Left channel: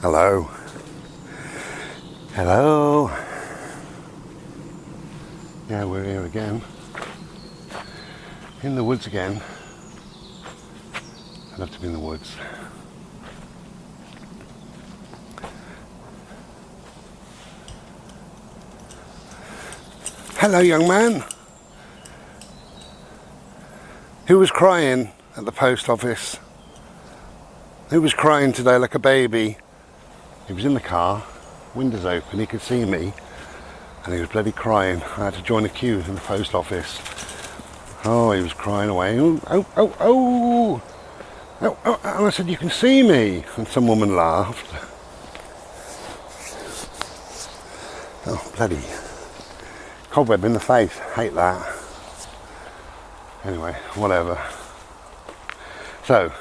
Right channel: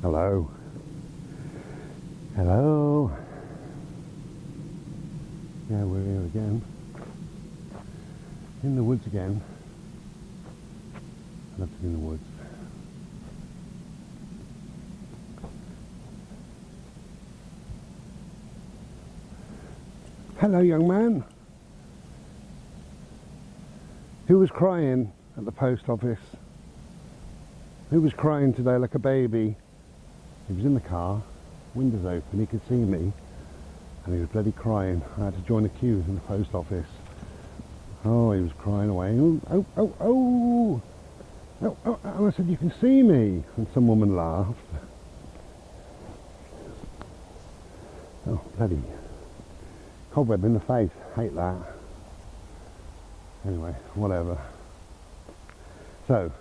Hello. Hello. Yeah, we're here again. In the woods again. I love to be in the woods. Hello, young man. Who was crying at the post office? Who was crying today like a baby? He was in the car, windows open, he could see me, and he was bloody crying. I had to join a queue in the post office. Oh, he was crying away. Oh, oh, oh, oh. Oh, oh. And I said, you can see me. And some woman laughed. Oh, bloody cobweb in the face. Hate that. Anyway, whatever. So,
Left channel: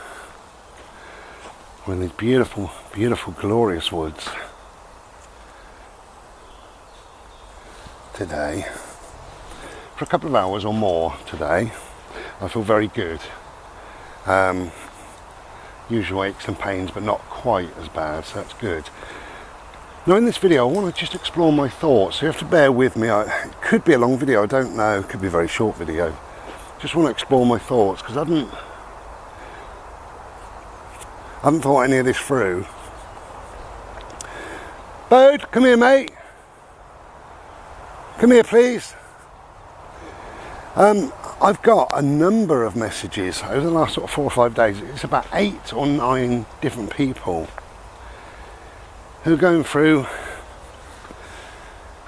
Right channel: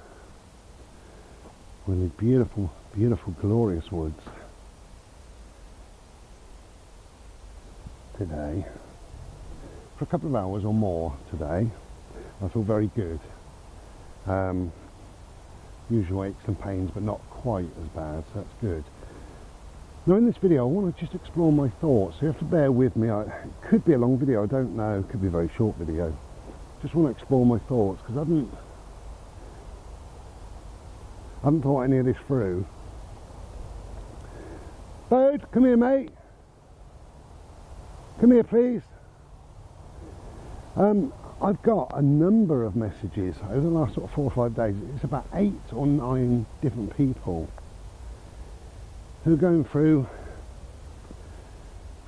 we're in these beautiful, beautiful, glorious woods today. For a couple of hours or more today. I feel very good. Usual aches and pains, but not quite as bad, so that's good. Now in this video I want to just explore my thoughts, so you have to bear with me. It could be a long video, I don't know, it could be a very short video. Just want to explore my thoughts, because I haven't thought any of this through. Bode, come here mate. Come here please. I've got a number of messages over the last sort of 4 or 5 days. It's about 8 or 9 different people who are going through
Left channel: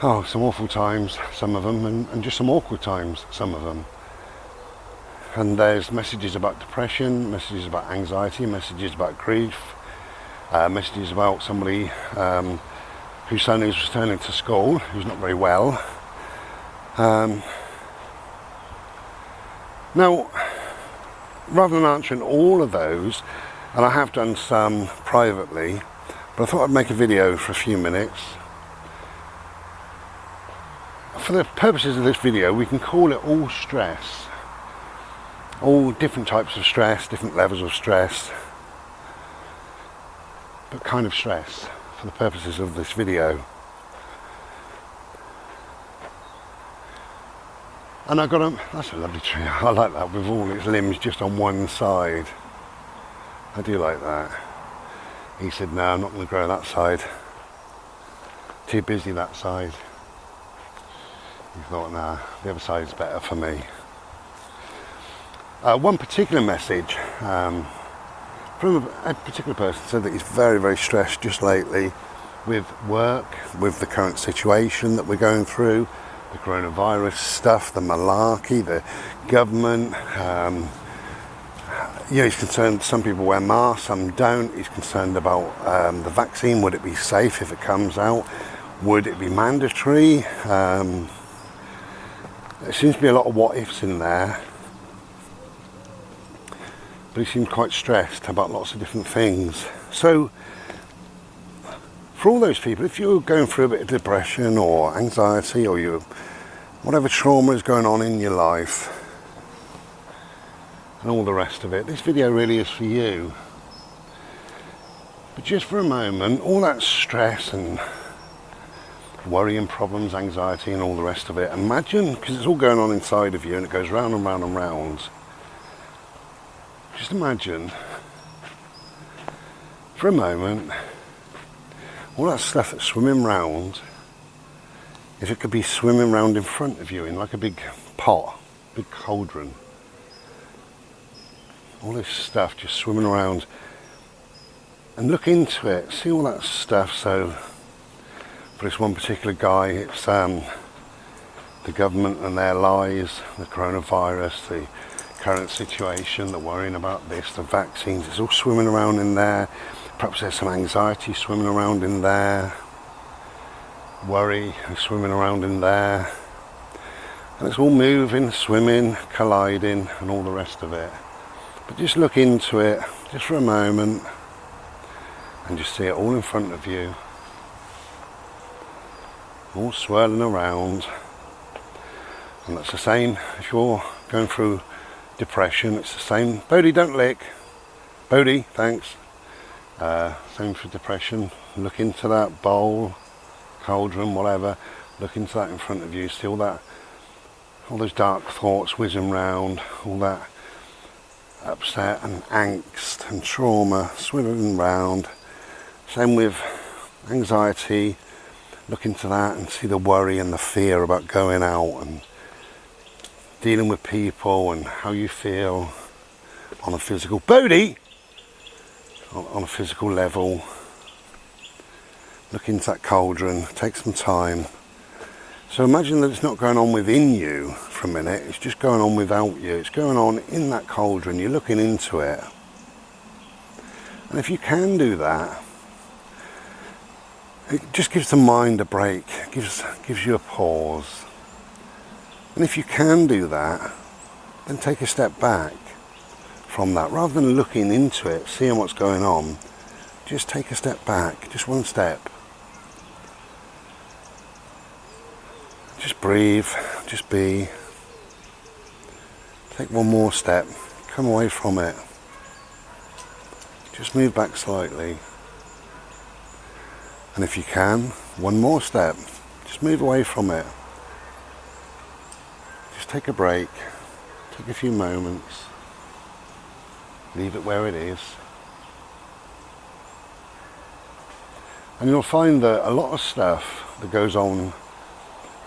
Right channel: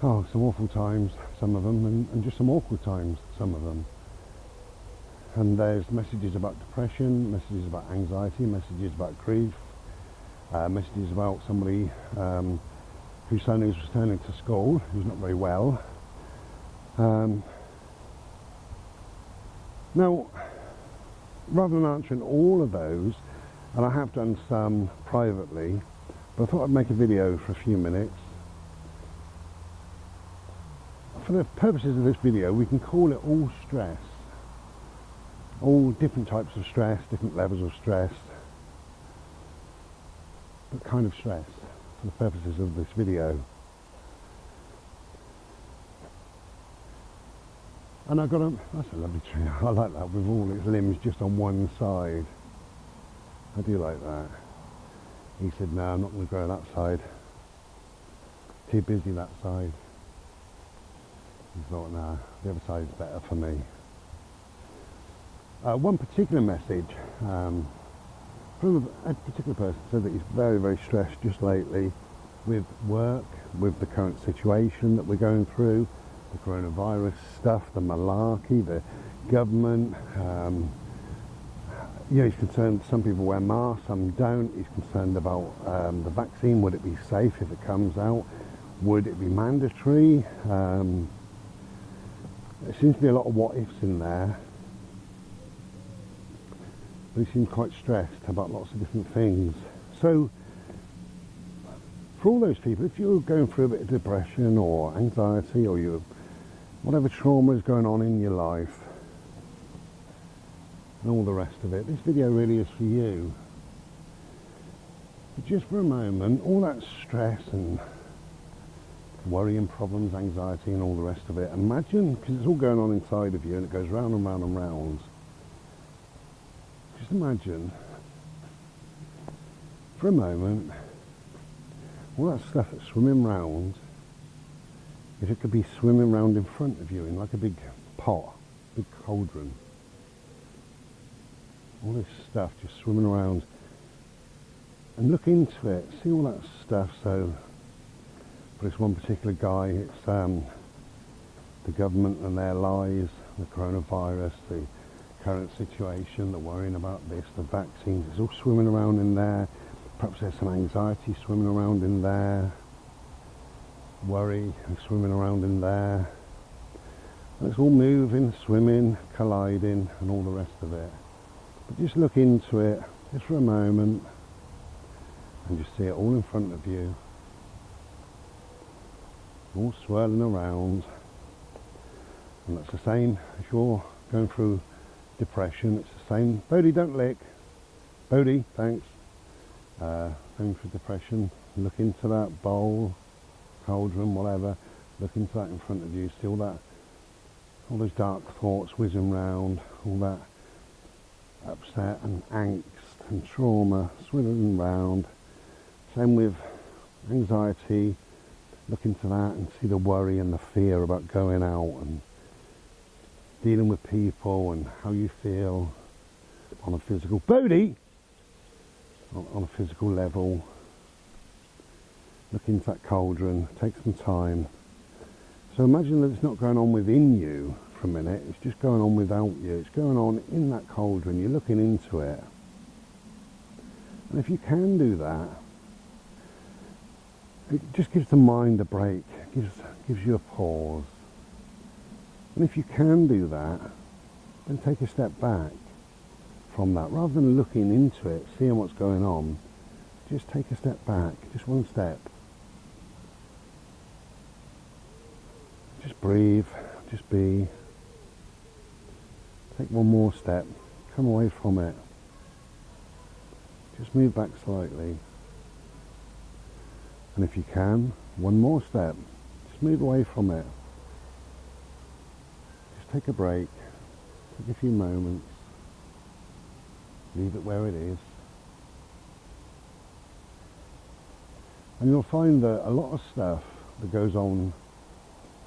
some awful times, some of them, and just some awkward times, some of them. And there's messages about depression, messages about anxiety, messages about grief, messages about somebody whose son is returning to school, who's not very well. Now, rather than answering all of those, and I have done some privately, but I thought I'd make a video for a few minutes. For the purposes of this video, we can call it all stress. All different types of stress, different levels of stress, but kind of stress for the purposes of this video. And I've got that's a lovely tree, I like that, with all its limbs just on one side. I do like that. He said, no, I'm not going to grow that side. Too busy that side. He thought, nah, the other side's better for me. One particular message from a particular person said that he's very, very stressed just lately with work, with the current situation that we're going through, the coronavirus stuff, the malarkey, the government. He's concerned some people wear masks, some don't. He's concerned about the vaccine. Would it be safe if it comes out? Would it be mandatory? There seems to be a lot of what ifs in there. But he seemed quite stressed about lots of different things. So, for all those people, if you're going through a bit of depression or anxiety or whatever trauma is going on in your life and all the rest of it, this video really is for you. But just for a moment, all that stress and worry and problems, anxiety and all the rest of it, imagine, because it's all going on inside of you and it goes round and round and round, just imagine for a moment all that stuff that's swimming round, if it could be swimming round in front of you in like a big pot, big cauldron. All this stuff just swimming around, and look into it, see all that stuff. So for this one particular guy, it's the government and their lies, the coronavirus, the current situation, the worrying about this, the vaccines, it's all swimming around in there. Perhaps there's some anxiety swimming around in there, worry swimming around in there, and it's all moving, swimming, colliding and all the rest of it. But just look into it just for a moment and just see it all in front of you, all swirling around. And that's the same if you're going through depression, it's the same. Bodie, don't lick. Bodie, thanks. Same for depression. Look into that bowl, cauldron, whatever. Look into that in front of you. See all those dark thoughts whizzing round, all that upset and angst and trauma swimming round. Same with anxiety. Look into that and see the worry and the fear about going out and dealing with people and how you feel on a physical body, on a physical level. Look into that cauldron, take some time. So imagine that it's not going on within you for a minute, it's just going on without you. It's going on in that cauldron, you're looking into it. And if you can do that, it just gives the mind a break, gives you a pause. And if you can do that, then take a step back from that. Rather than looking into it, seeing what's going on, just take a step back, just one step. Just breathe, just be. Take one more step, come away from it. Just move back slightly. And if you can, one more step, just move away from it. Just take a break, take a few moments, leave it where it is. And you'll find that a lot of stuff that goes on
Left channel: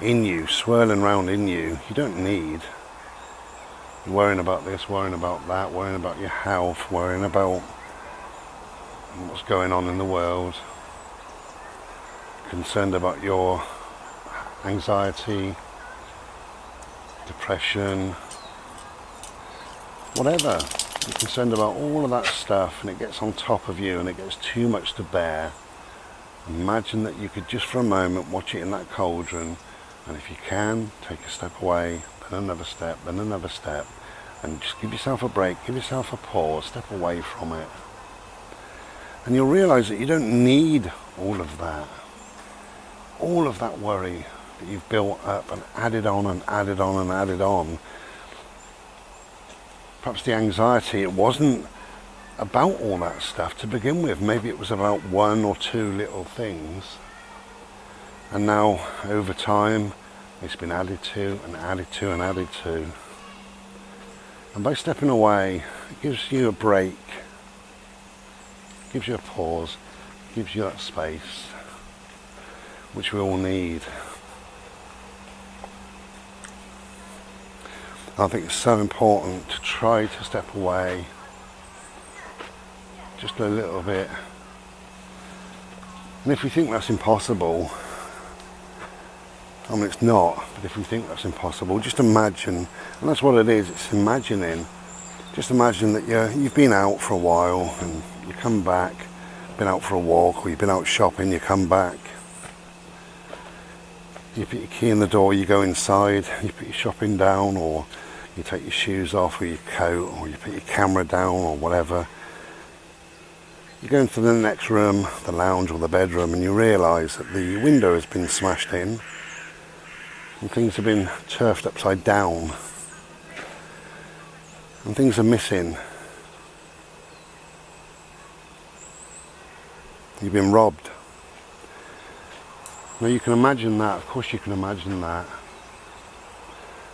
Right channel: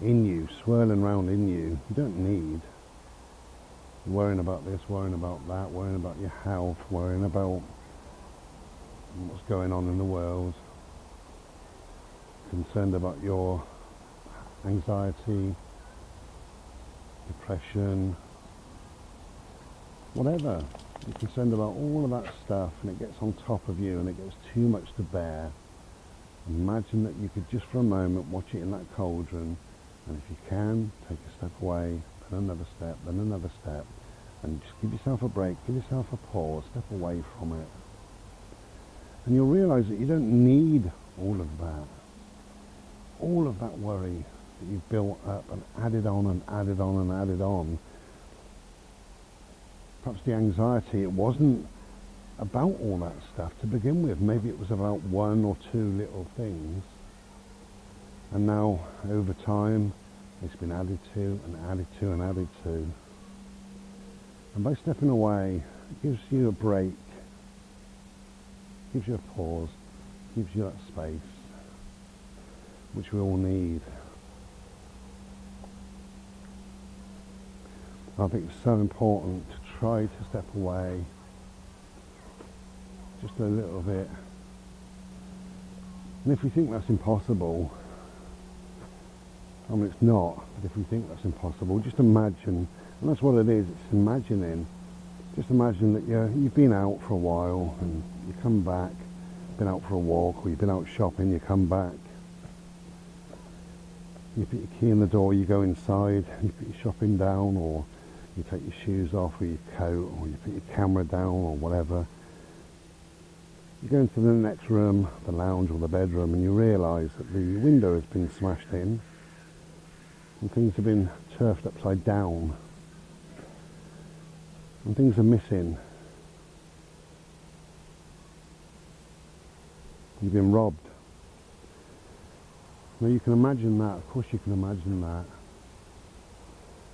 in you, swirling around in you, you don't need. You're worrying about this, worrying about that, worrying about your health, worrying about what's going on in the world, concerned about your anxiety, depression, whatever. You're concerned about all of that stuff and it gets on top of you and it gets too much to bear. Imagine that you could just for a moment watch it in that cauldron, and if you can, take a step away, then another step, and just give yourself a break, give yourself a pause, step away from it. And you'll realise that you don't need all of that worry that you've built up and added on and added on and added on. Perhaps the anxiety, it wasn't about all that stuff to begin with. Maybe it was about one or two little things. And now, over time, it's been added to and added to and added to. And by stepping away, it gives you a break, gives you a pause, gives you that space, which we all need. I think it's so important to try to step away just a little bit. And if we think that's impossible, I mean, it's not, but if we think that's impossible, just imagine, and that's what it is, it's imagining. Just imagine that you've been out for a while and you come back, been out for a walk, or you've been out shopping, you come back. You put your key in the door, you go inside, you put your shopping down, or you take your shoes off, or your coat, or you put your camera down, or whatever. You go into the next room, the lounge or the bedroom, and you realise that the window has been smashed in, and things have been turfed upside down, and things are missing. You've been robbed. Now you can imagine that, of course you can imagine that.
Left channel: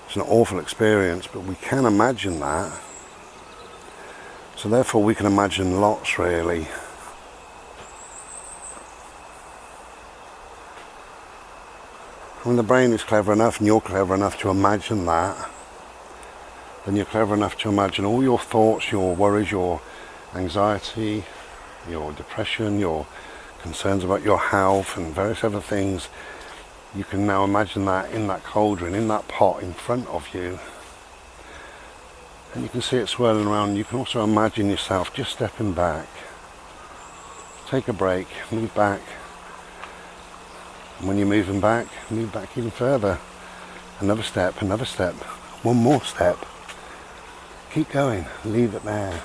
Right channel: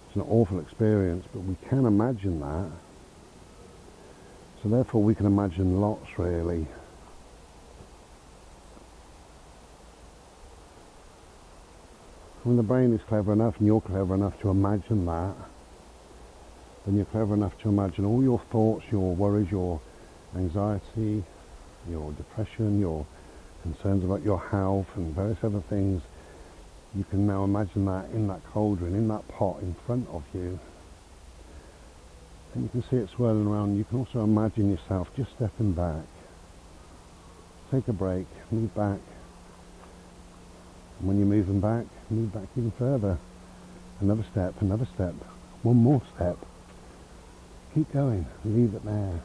It's an awful experience, but we can imagine that. So therefore we can imagine lots, really. When the brain is clever enough and you're clever enough to imagine that, then you're clever enough to imagine all your thoughts, your worries, your anxiety, your depression, your concerns about your health and various other things. You can now imagine that in that cauldron, in that pot in front of you. And you can see it swirling around. You can also imagine yourself just stepping back. Take a break, move back. And when you're moving back, move back even further. Another step, one more step. Keep going, leave it there.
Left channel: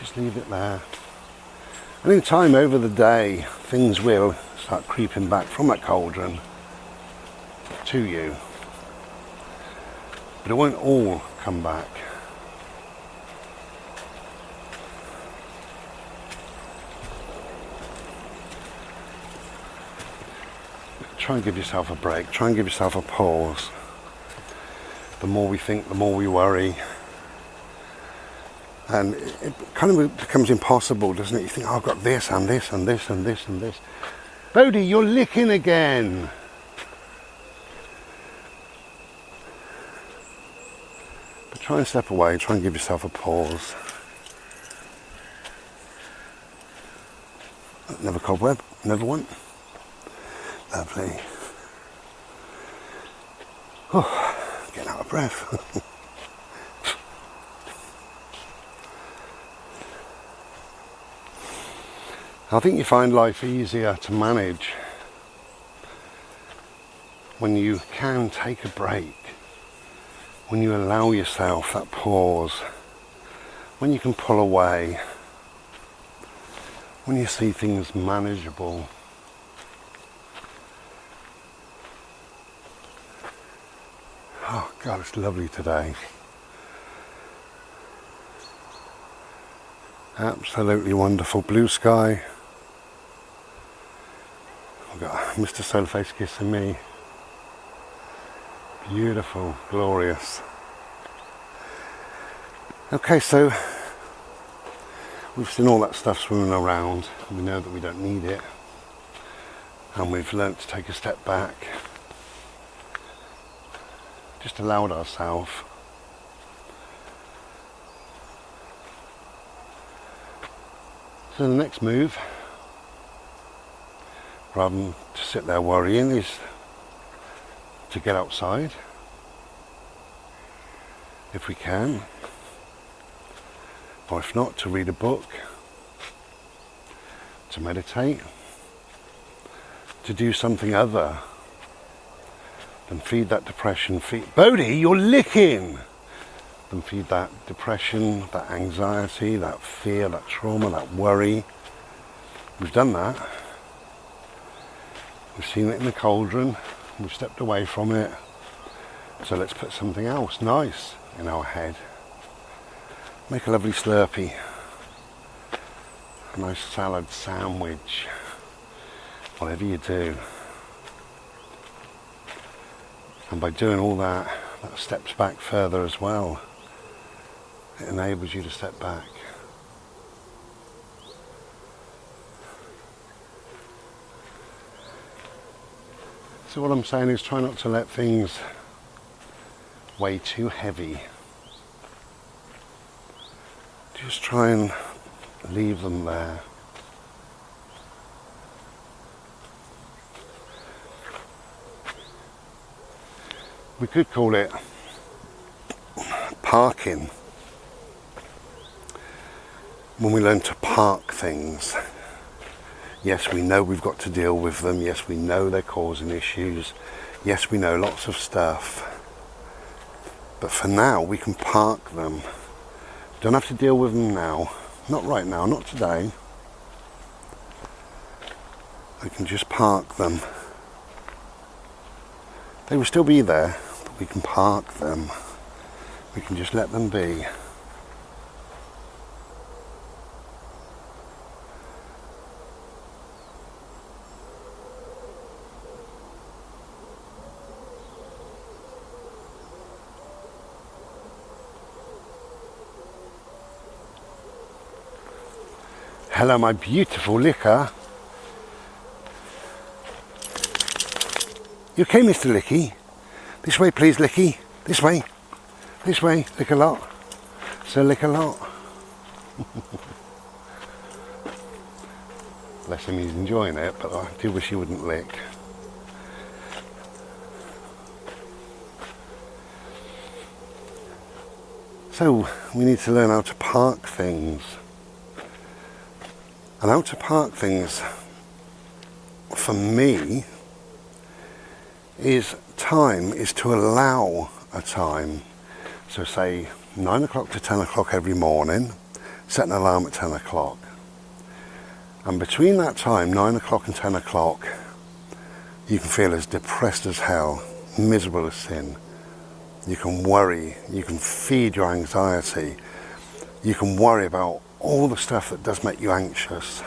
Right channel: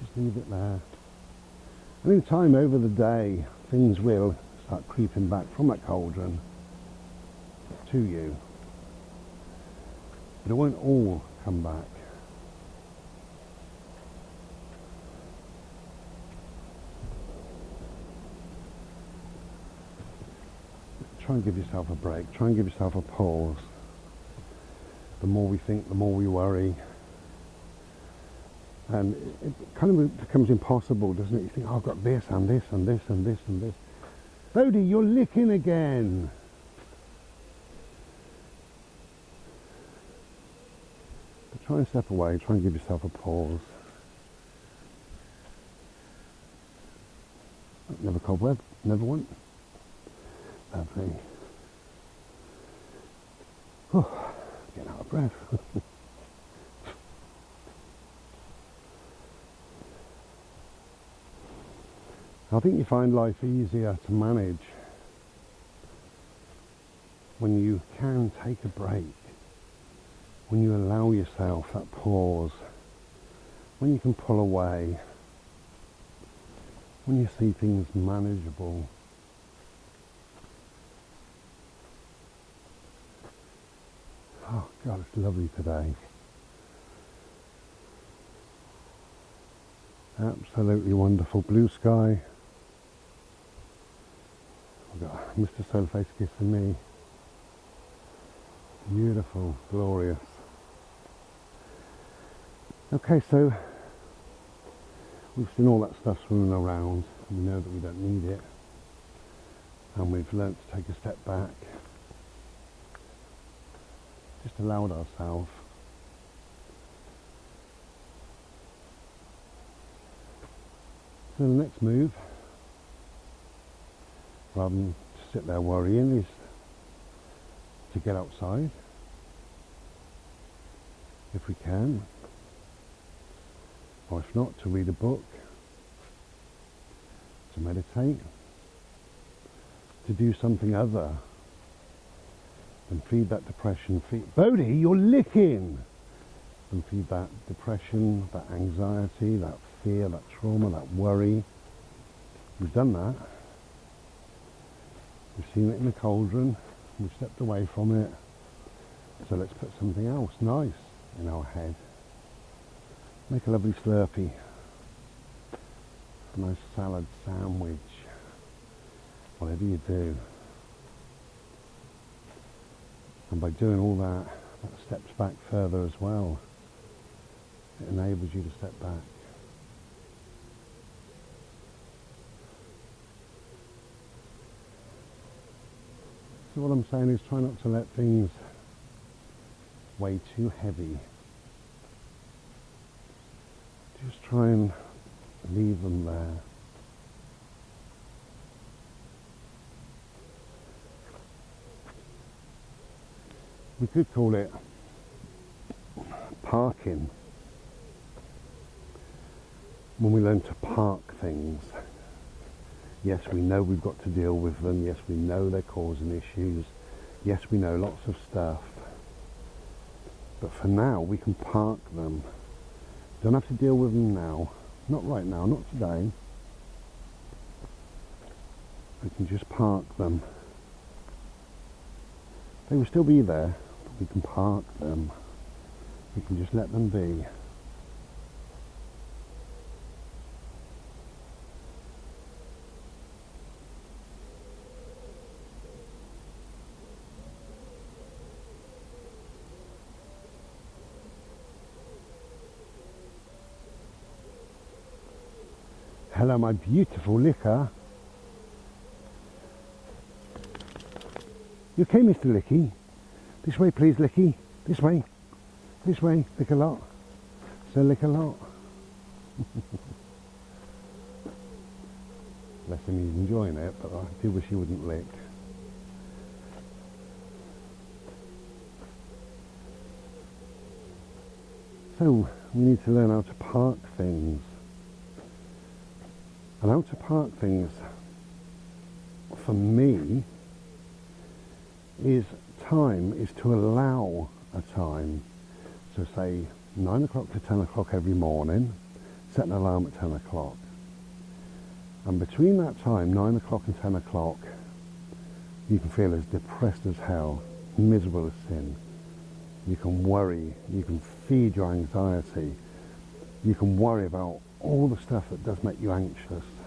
Just leave it there. And in time over the day, things will start creeping back from that cauldron to you. But it won't all come back. try and give yourself a break. Try and give yourself a pause. The more we think, the more we worry. And it kind of becomes impossible, doesn't it? You think, oh, I've got this and this and this and this and this. Bodhi, you're licking again. But try and step away. Try and give yourself a pause. Another cobweb. Another one. Lovely. Oh, getting out of breath. I think you find life easier to manage when you can take a break, when you allow yourself that pause, when you can pull away, when you see things manageable. Oh God, it's lovely today. Absolutely wonderful blue sky. We've got Mr. Solarface kissing me. Beautiful, glorious. Okay, so we've seen all that stuff swimming around. We know that we don't need it. And we've learnt to take a step back. Just allowed ourselves. So the next move, rather than to sit there worrying, is to get outside, if we can, or if not, to read a book, to meditate, to do something other than feed that depression. Bodhi, you're licking! Than feed that depression, that anxiety, that fear, that trauma, that worry. We've done that. We've seen it in the cauldron. We've stepped away from it. So let's put something else nice in our head. Make a lovely Slurpee. A nice salad sandwich. Whatever you do. And by doing all that, that steps back further as well. It enables you to step back. So what I'm saying is try not to let things weigh too heavy. Just try and leave them there. We could call it parking. When we learn to park things, yes, we know we've got to deal with them. Yes, we know they're causing issues. Yes, we know lots of stuff. But for now, we can park them. Don't have to deal with them now. Not right now, not today. We can just park them. They will still be there, but we can park them. We can just let them be. Hello, my beautiful licker. You okay, Mr. Licky? This way, please, Licky. This way. This way. Lick a lot. So lick a lot. Bless him, he's enjoying it, but I do wish he wouldn't lick. So we need to learn how to park things. And how to park things, for me, is to allow a time. So say 9 o'clock to 10 o'clock every morning, set an alarm at 10 o'clock. And between that time, 9 o'clock and 10 o'clock, you can feel as depressed as hell, miserable as sin. You can worry, you can feed your anxiety, you can worry about all the stuff that does make you anxious.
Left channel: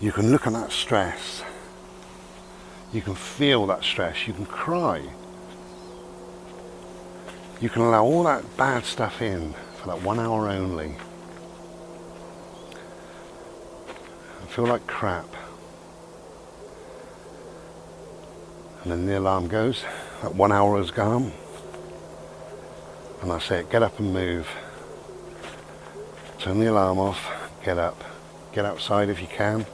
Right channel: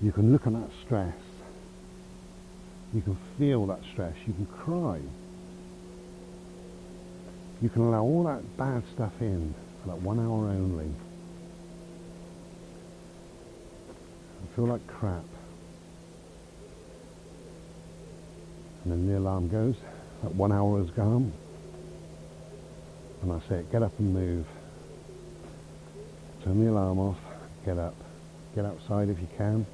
You can look at that stress. You can feel that stress, you can cry. You can allow all that bad stuff in for that 1 hour only. And feel like crap. And then the alarm goes, that 1 hour has gone. And I say, get up and move. Turn the alarm off, get up. Get outside if you can.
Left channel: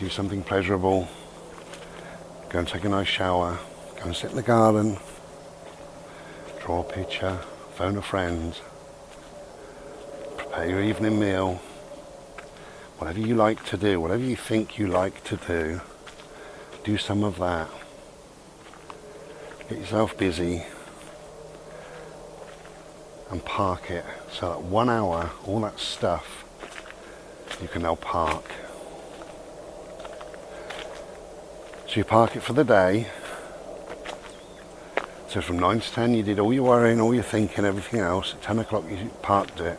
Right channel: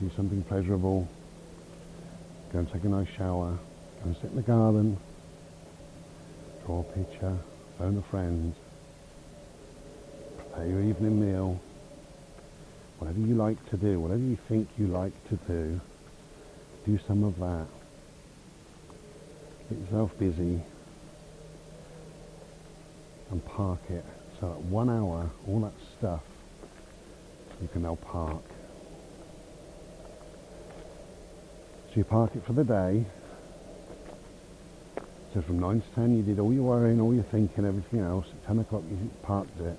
Do something pleasurable. Go and take a nice shower. Go and sit in the garden. Draw a picture. Phone a friend. Prepare your evening meal. Whatever you like to do, whatever you think you like to do some of that. Get yourself busy and park it so that 1 hour, all that stuff, you can now park. So you park it for the day. So from 9 to 10 you did all your worrying, all your thinking, everything else. At 10 o'clock you parked it.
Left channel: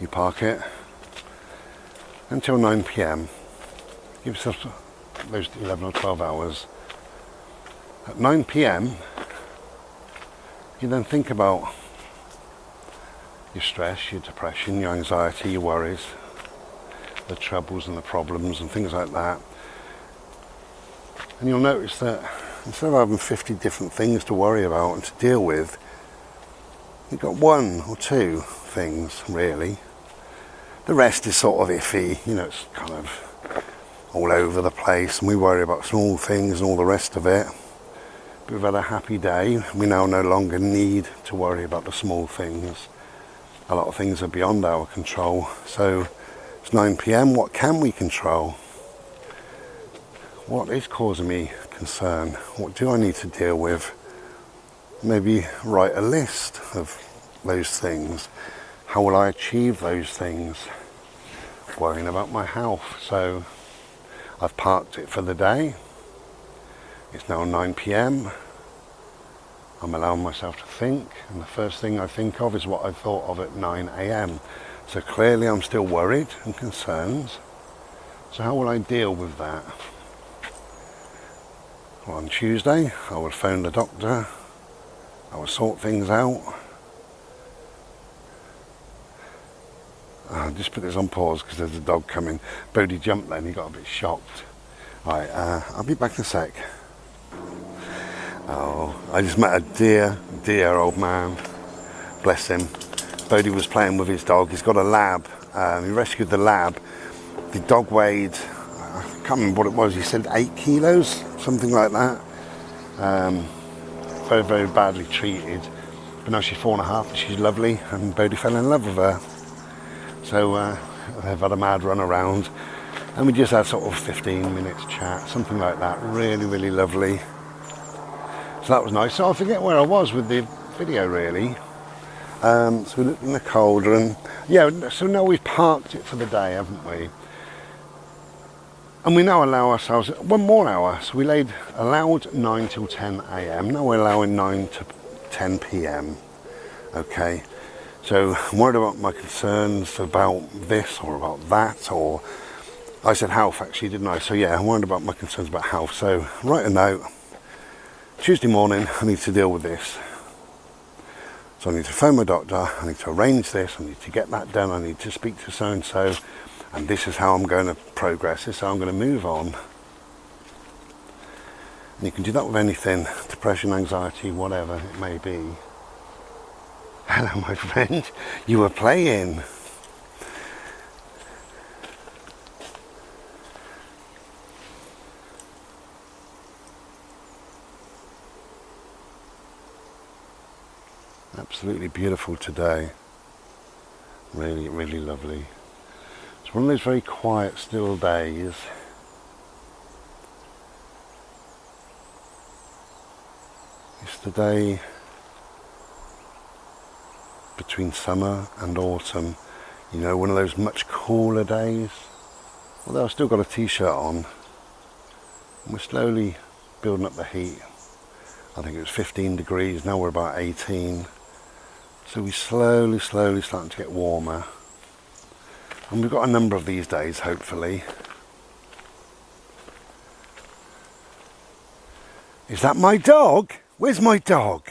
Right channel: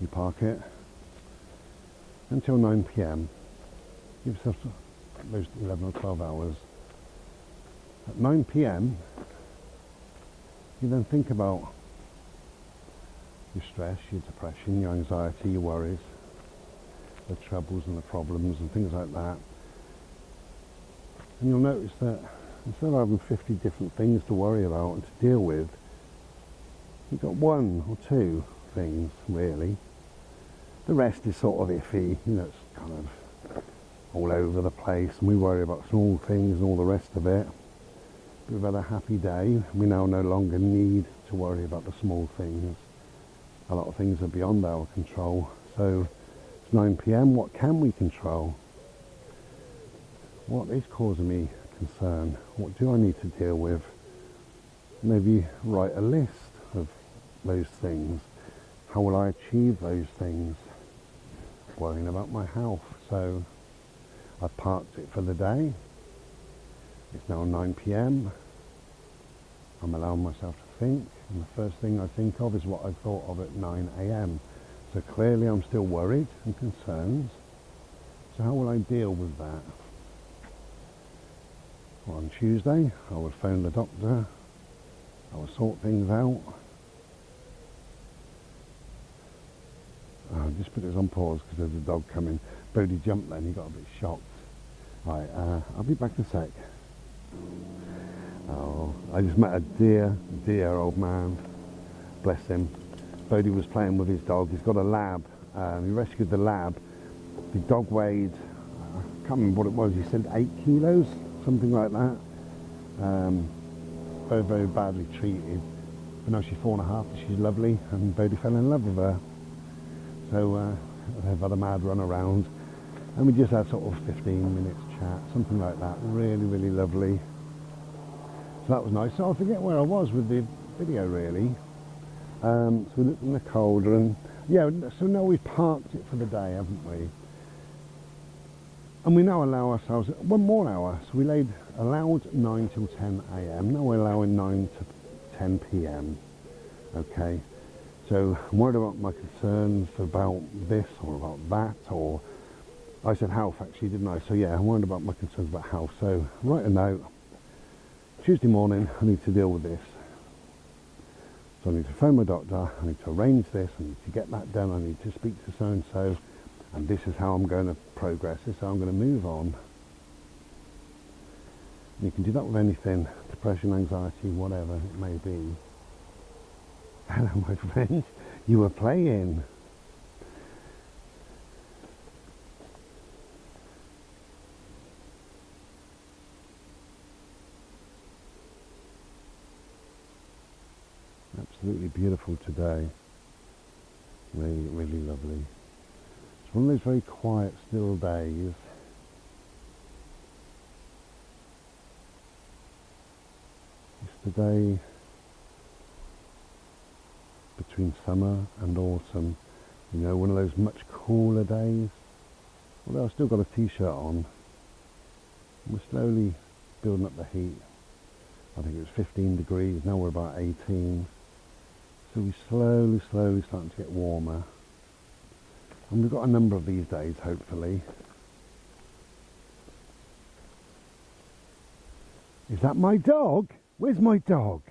You park it until 9 p.m. Give yourself those 11 or 12 hours. At 9 p.m. you then think about your stress, your depression, your anxiety, your worries, the troubles and the problems and things like that. And you'll notice that instead of having 50 different things to worry about and to deal with, you've got 1 or 2 things really. The rest is sort of iffy, you know, it's kind of all over the place and we worry about small things and all the rest of it. But we've had a happy day. We now no longer need to worry about the small things. A lot of things are beyond our control. So it's 9 p.m. What can we control? What is causing me concern? What do I need to deal with? Maybe write a list of those things. How will I achieve those things? Worrying about my health. So I've parked it for the day. It's now 9 p.m. I'm allowing myself to think, and the first thing I think of is what I thought of at 9 a.m. So clearly I'm still worried and concerned. So how will I deal with that? Well, on Tuesday I would phone the doctor. I would sort things out. I'll just put this on pause because there's a dog coming. Bodie jumped then, he got a bit shocked. Right, I'll be back in a sec. Oh, I just met a dear old man. Bless him. Bodie was playing with his dog. He's got a lab. He rescued the lab. The dog weighed, I can't remember what it was, he said 8 kilos, something like that. Very, very badly treated. But now she's 4.5 and she's lovely, and Bodie fell in love with her. So they've had a mad run around, and we just had sort of 15 minutes chat, something like that. Really, really lovely. So that was nice. So I forget where I was with the video really. So we looked in the cauldron. Yeah, so now we've parked it for the day, haven't we? And we now allow ourselves 1 more hour. So we allowed 9 till 10 a.m. Now we're allowing 9 to 10 p.m. Okay. So I'm worried about my concerns about this or about that, or I said health actually, didn't I? So yeah, I'm worried about my concerns about health. So write a note. Tuesday morning, I need to deal with this. So I need to phone my doctor, I need to arrange this, I need to get that done, I need to speak to so-and-so, and this is how I'm going to progress, this is how I'm going to move on. And you can do that with anything, depression, anxiety, whatever it may be. Hello, my friend, you were playing. Absolutely beautiful today. Really, really lovely. It's one of those very quiet, still days. It's the day between summer and autumn. You know, one of those much cooler days. Although I've still got a t-shirt on. And we're slowly building up the heat. I think it was 15 degrees, now we're about 18. So we slowly starting to get warmer. And we've got a number of these days, hopefully. Is that my dog? Where's my dog?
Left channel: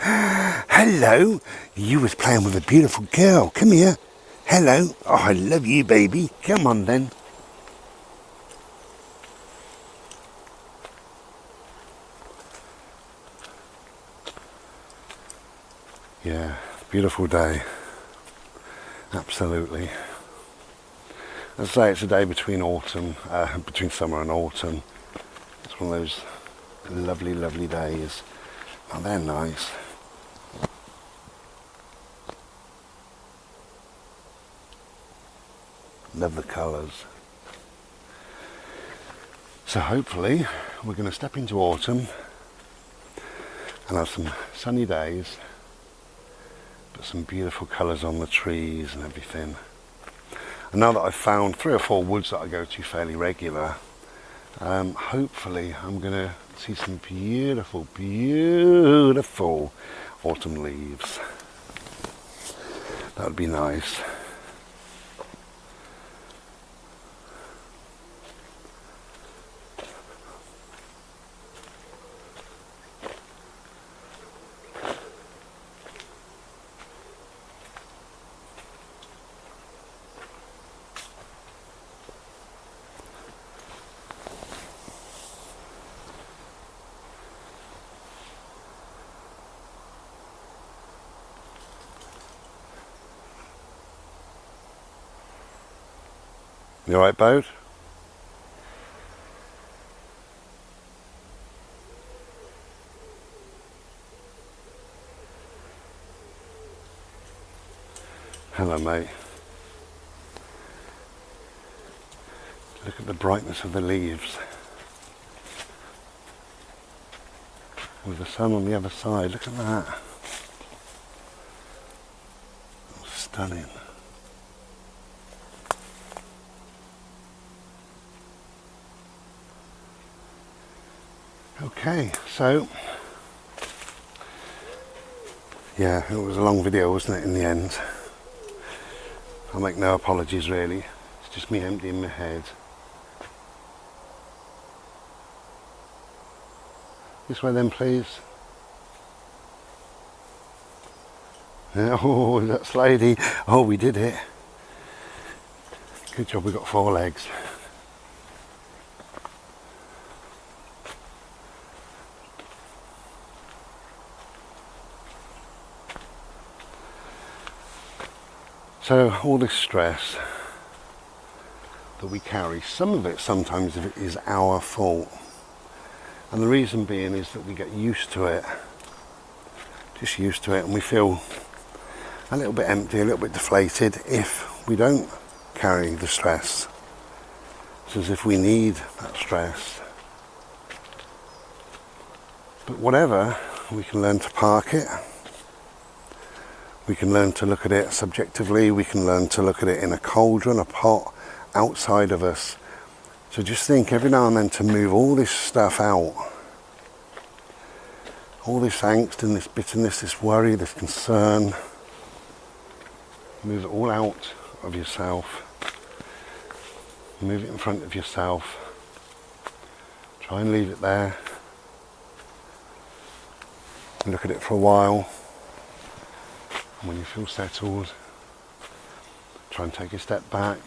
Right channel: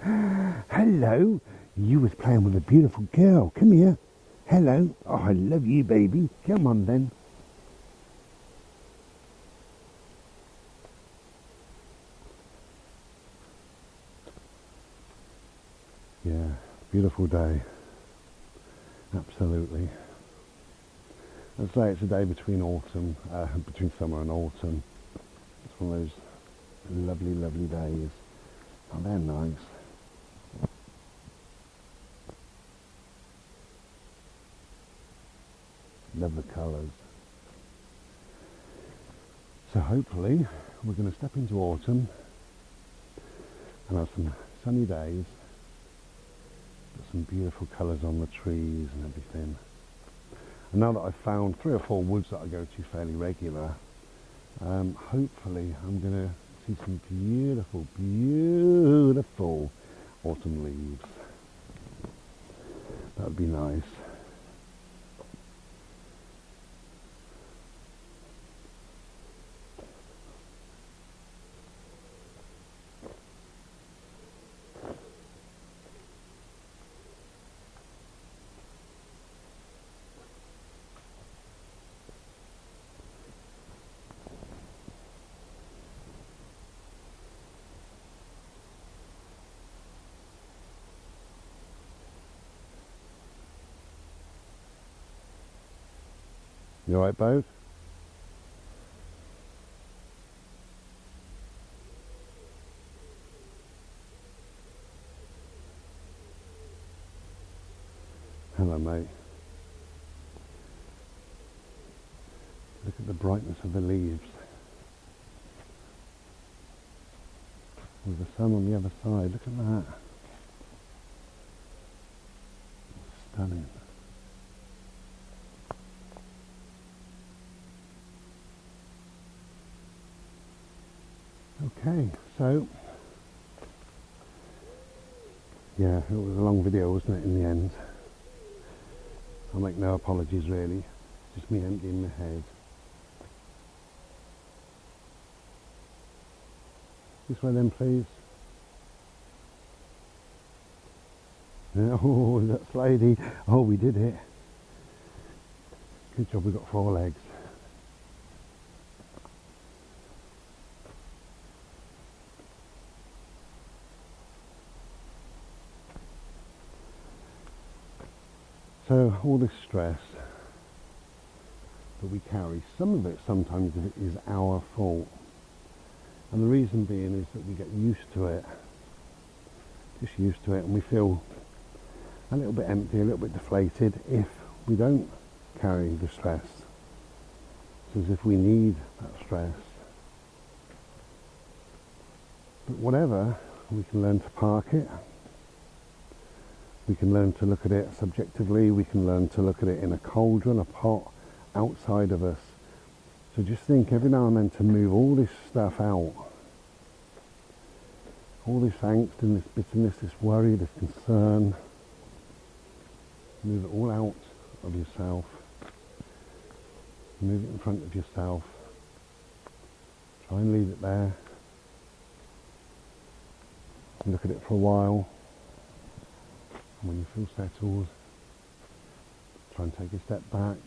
Hello. You was playing with a beautiful girl. Come here. Hello. Oh, I love you, baby. Come on then. Yeah, beautiful day. Absolutely. I'd say it's a day between between summer and autumn. It's one of those lovely, lovely days. Oh, they're nice. Love the colours. So hopefully we're going to step into autumn and have some sunny days, but some beautiful colours on the trees and everything. And now that I've found 3 or 4 woods that I go to fairly regular, hopefully I'm going to see some beautiful, beautiful autumn leaves. That would be nice. You alright, Bode? Hello, mate. Look at the brightness of the leaves. With the sun on the other side, look at that. Stunning. Okay, so yeah, it was a long video, wasn't it, in the end? I'll make no apologies really. It's just me emptying my head. This way then, please. Yeah, oh, that's lady. Oh, we did it. Good job we got 4 legs. So all this stress that we carry, some of it sometimes is our fault. And the reason being is that we get used to it, just used to it, and we feel a little bit empty, a little bit deflated if we don't carry the stress. It's as if we need that stress. But whatever, we can learn to park it. We can learn to look at it subjectively. We can learn to look at it in a cauldron, a pot, outside of us. So just think every now and then to move all this stuff out. All this angst and this bitterness, this worry, this concern. Move it all out of yourself. Move it in front of yourself. Try and leave it there. And look at it for a while. And when you feel settled, try and take a step back.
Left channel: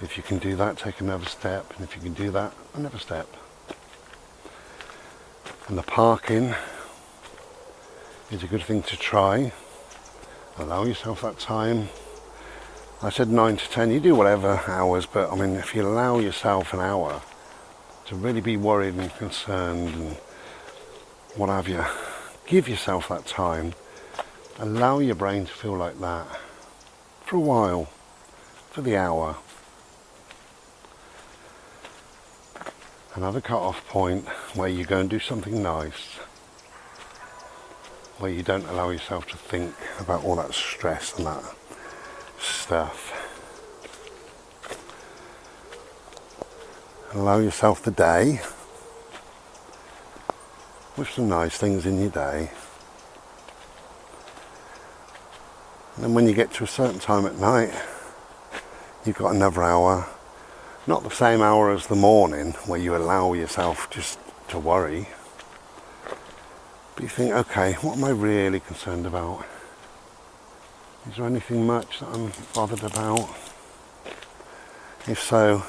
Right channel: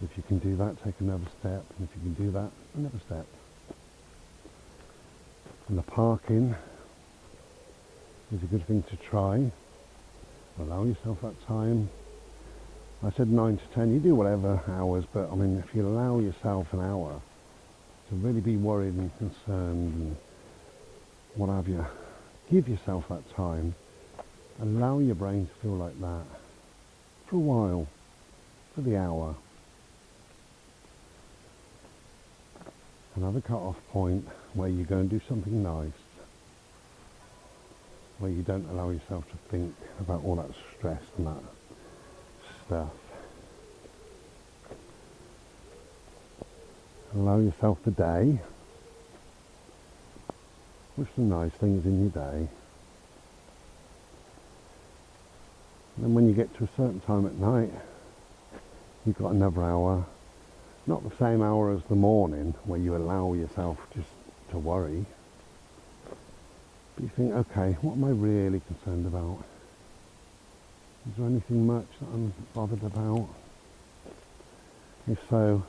If you can do that, take another step. And if you can do that, another step. And the parking is a good thing to try. Allow yourself that time. I said 9 to 10, you do whatever hours, but I mean, if you allow yourself an hour to really be worried and concerned and what have you, give yourself that time. Allow your brain to feel like that for a while, for the hour. Another cut-off point where you go and do something nice, where you don't allow yourself to think about all that stress and that stuff. Allow yourself the day with some nice things in your day. And then when you get to a certain time at night, you've got another hour Not the same hour as the morning where you allow yourself just to worry. But you think, okay, what am I really concerned about? Is there anything much that I'm bothered about? If so,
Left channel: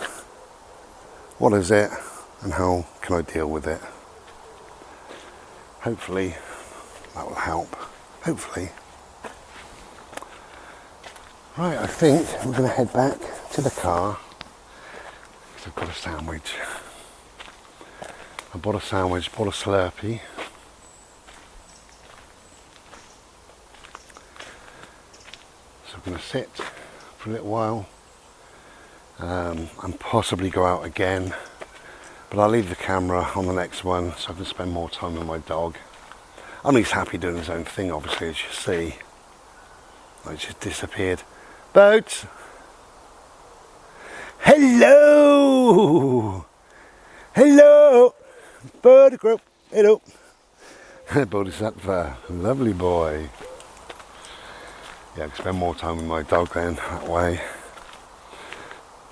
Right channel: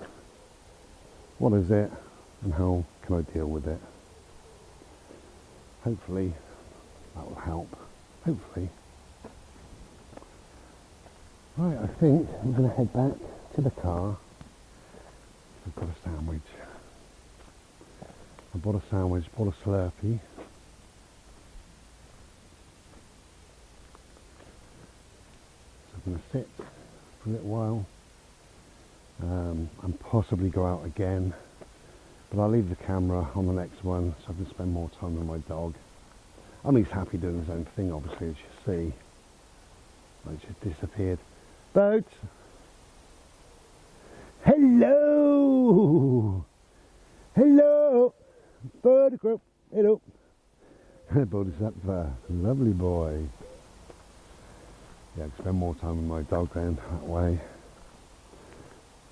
what is it and how can I deal with it? Hopefully that will help. Hopefully. Right, I think we're going to head back to the car because I've got a sandwich. I bought a sandwich, bought a Slurpee. So I'm going to sit for a little while and possibly go out again. But I'll leave the camera on the next one so I can spend more time with my dog. I mean, he's happy doing his own thing, obviously, as you see. I just disappeared. Boats! Hello! Hello! Photograph! Hello! Bodhisattva, lovely boy. Yeah, I can spend more time with my dog then, that way.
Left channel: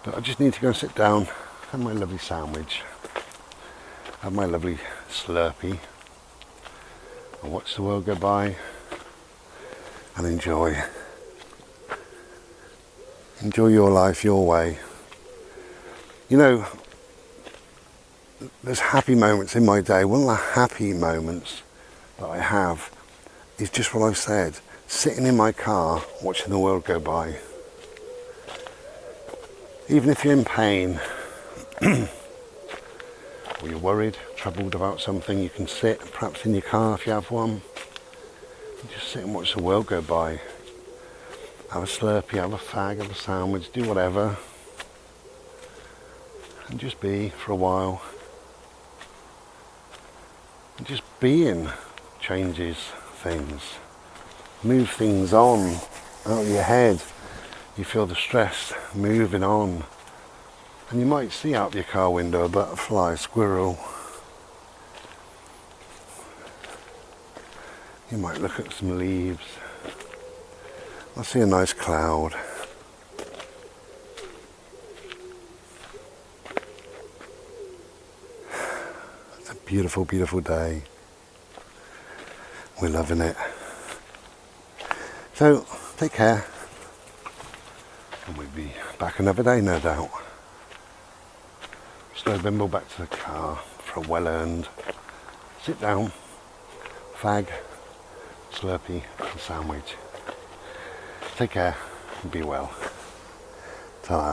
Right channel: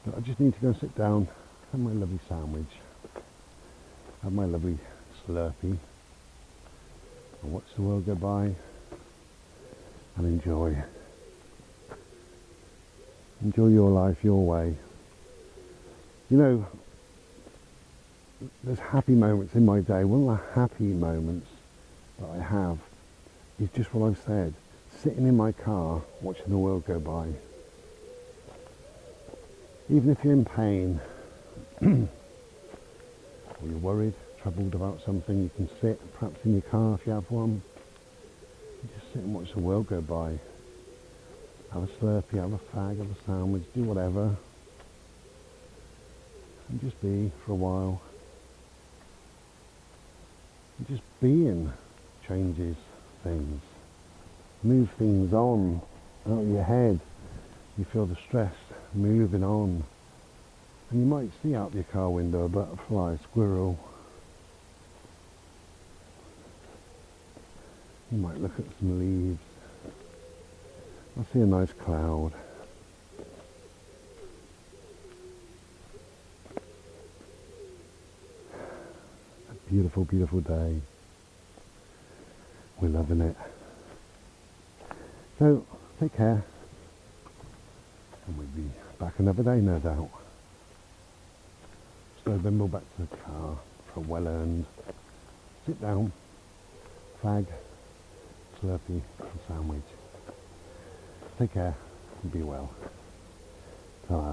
But I just need to go and sit down, have my lovely sandwich, have my lovely Slurpee, and watch the world go by, and enjoy. Enjoy your life your way. You know, there's happy moments in my day. One of the happy moments that I have is just what I've said, sitting in my car watching the world go by. Even if you're in pain or you're worried, troubled about something, you can sit perhaps in your car if you have one and just sit and watch the world go by. Have a Slurpee, have a fag, have a sandwich, do whatever and just be for a while. And just being changes things. Move things on out of your head. You feel the stress moving on. And you might see out of your car window a butterfly, a squirrel. You might look at some leaves. I see a nice cloud. It's a beautiful, beautiful day. We're loving it. So, take care. And we'll be back another day, no doubt. Slow bimble back to the car for a well-earned sit down, fag, Slurpee and sandwich. Take care and be well. Ta-ra.